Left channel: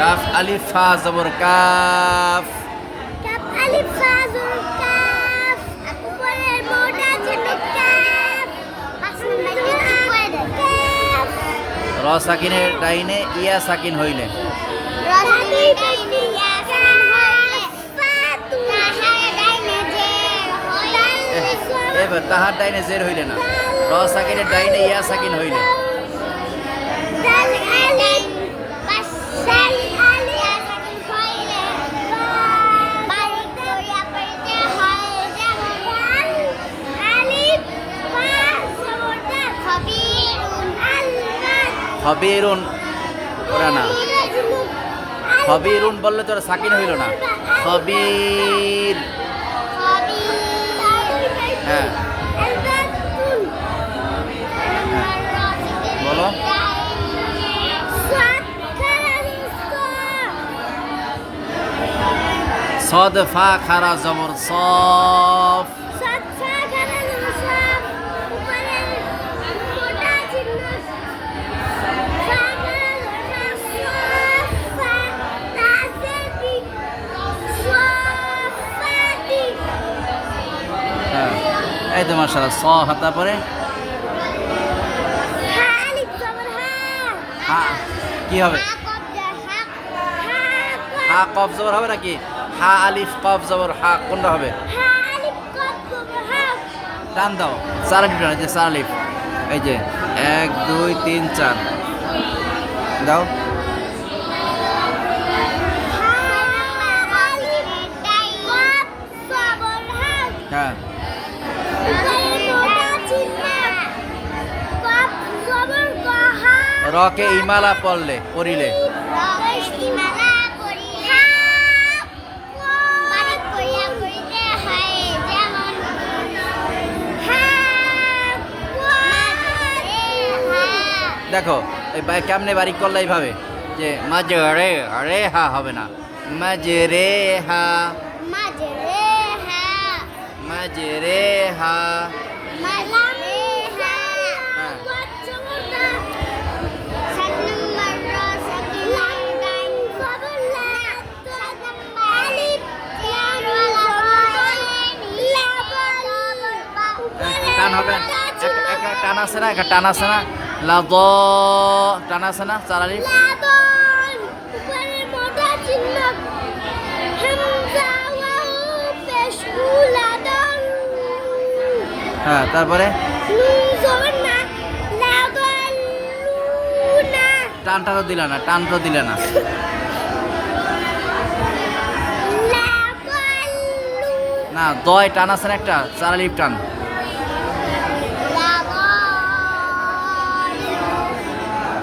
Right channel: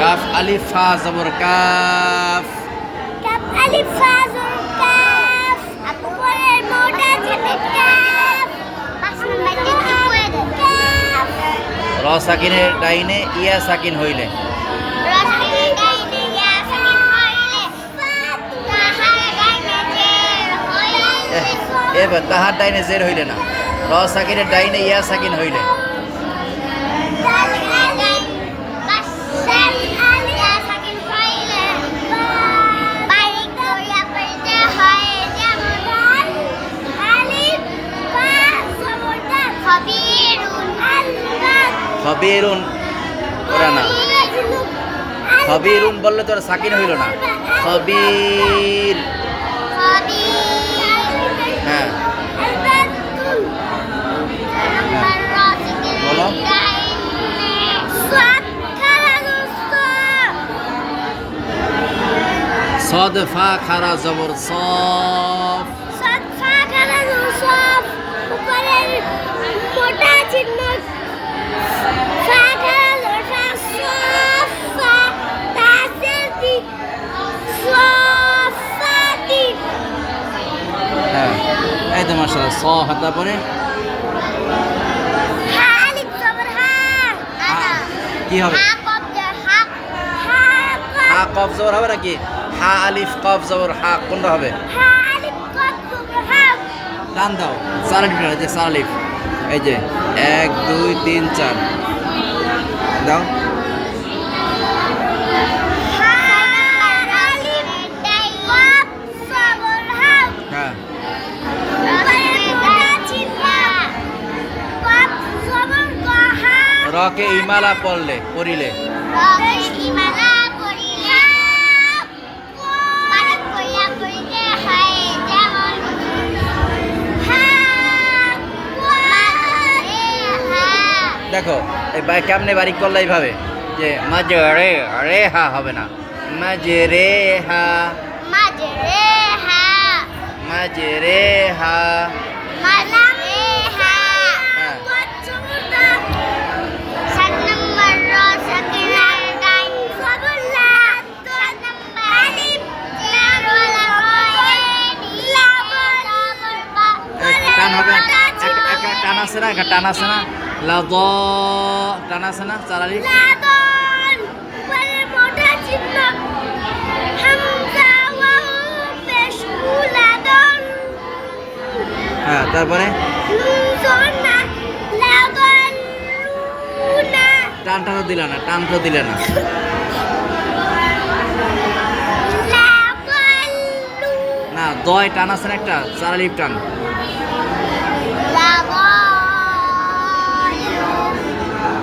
Calf আলিফ ফা জবর calf. Calf আলিফ ফা জবর কাফ। উপরের মোটা চিহ্ন কাফ। কাফ। র সাকিনের ডাইনে ইয়া সাকিন হইলে র সাকিনের ডাইনে ইয়া সাকিন হইলে তাহার ডাইনে জের হইলে এবার তাহার ডাইনে জের হইলে না, র সাকিনের ডাইনে ইয়া সাকিন হইলে দাল আলিফ বাসাল আলিফ ইয়া সাকিন হইলে বারিক দয়া পড়তে হয় যেমন দাল আলিফ বা জবর দাল খবীরুন আল্লাহ খবীরুন ওরা না, খবীরুন বললে তোর সাকিন হইল না, খবীর। হ্যাঁ বলো সদ ফা খারা জবর সফ। হ্যাঁ এই তো মাশাআল্লাহ স হাতা পরে কি হবে, হা কফ জবর হবে নাকি, হা আলিফ কফ জবর হা কোনটা হবে, টান দাও চার আলিফ হয় যে চার আলিফ, এই যে 1 2 3 4 দাও। হ্যাঁ রকে ইমালা পড়লে পড়িলে দেখো এই কেমনে বাড়ি করলে এইভাবে যে মাঝে রে রে হা হবে না, মাঝে রে হা মাঝে রে হা। টান হবে, টান আছে না, টান আছে না, লাদ টান আছে না চার আলিফ। হ্যাঁ তারপরে টানটা তো দিলে না, টান তো দিলে না, না দয় টান আছে না একটা চার আলিফ টান।